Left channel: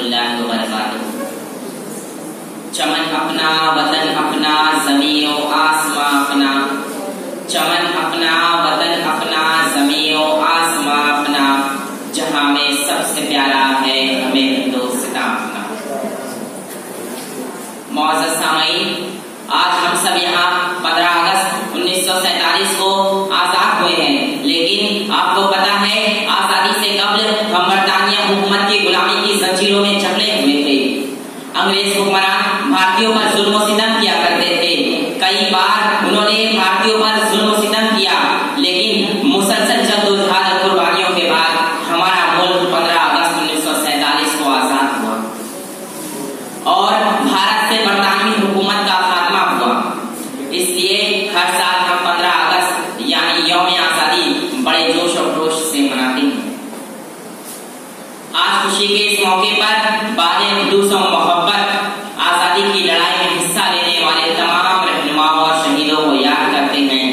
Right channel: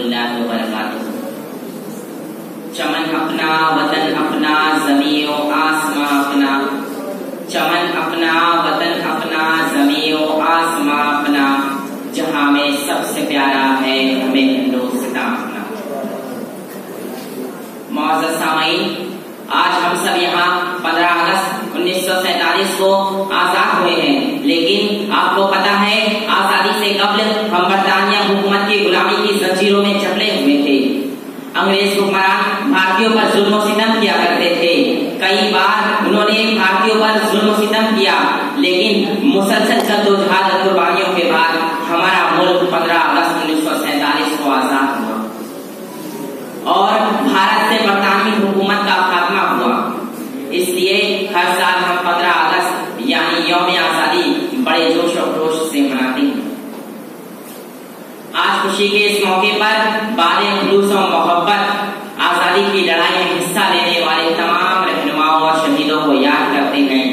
रहमतुल्लाहि व बरकातुहू। चमन अपना, वतन अपना, ज़मीन ओ आसमां अपना। चमन अपना, वतन अपना, ज़मीन ओ आसमां अपना। जहां में सबसे प्यारा है हमें हिंदुस्तान अपना। मौजूद सामईन, आज हम सब यहाँ 15 अगस्त 1947 को आजाद हुए हैं, लेकिन आपको पता है आजादी से कबल हम बरतानिया हुकूमत की गुलामी की जंजीरों में जकड़े हुए थे। अंग्रेज हुक्मरान भारतीयों पर जुल्म और सितम किया करते थे। कई बार उन्होंने भारतीयों पर जुल्म और सितम किया, लेकिन मुसलसल जद्दोजहद और कुर्बानियों के बाद हमारा मुल्क 15 अगस्त 1947 को आजाद हुआ और भारत से बरतानवी हुकूमत का खात्मा हुआ। इसलिए हर साल हम 15 अगस्त यानी यौम आजादी बड़े जोश और जोश से मनाते हैं। आज खुशी के इस मौके पर बादे खुलूस और मोहब्बत आजादी की लड़ाई में हिस्सा लेने वाले तमाम रहनुमाओं और शहीदों को याद करते हैं,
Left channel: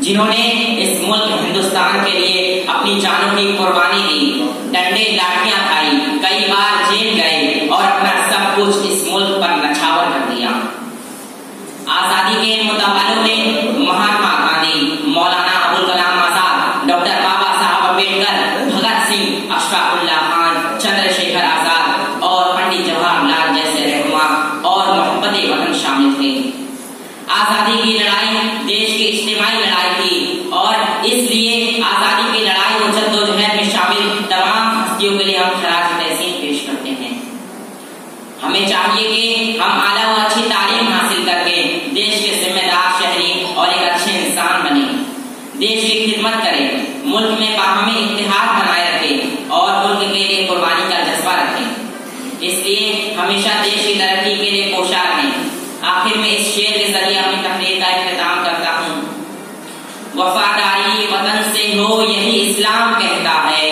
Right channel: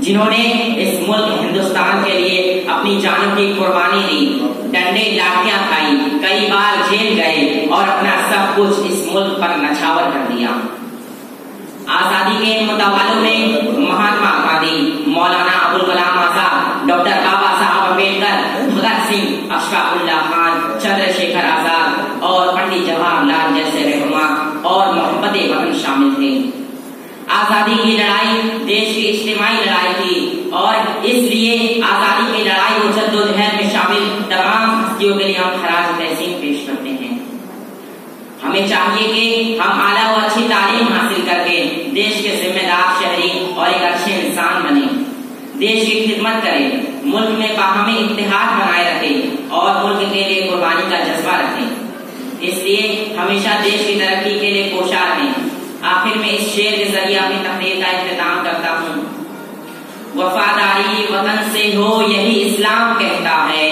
जिन्होंने इस मुल्क हिंदुस्तान के लिए अपनी जानों की कुर्बानी दी, डंडे लाठियां खाई, कई बार जेल गए और अपना सब कुछ इस मुल्क पर नछावर कर दिया। आजादी के मुतावालों में महात्मा गांधी, मौलाना अबुल कलाम आजाद, डॉक्टर बाबा साहब अम्बेडकर, भगत सिंह, अशफाकुल्लाह खान, चंद्रशेखर आजाद और पंडित जवाहरलाल जैसे रहनुमा और मोहब्बत वतन शामिल थे। आजादी की लड़ाई देश की इज्तिमाई लड़ाई थी और इसलिए आजादी की लड़ाई और जद्दोजहद में शामिल तमाम हस्तियों के लिए हम खराज तहसीन पेश करते हैं। हमें चाहिए कि हम आला और अच्छी तालीम हासिल करके देश के जिम्मेदार शहरी और एक अच्छे इंसान बने, देश की खिदमत करें, मुल्क में बाहमी इत्तेहाद बनाए रखें और मुल्क के लिए कुर्बानी का जज्बा रखें। इसलिए हमेशा देश की तरक्की के लिए कोशा रहें। आखिर में इस शेर के जरिए अपनी तकरीर का इख्तिताम करता हूँ। वफादारी वतन से हो यही इस्लाम कहता है,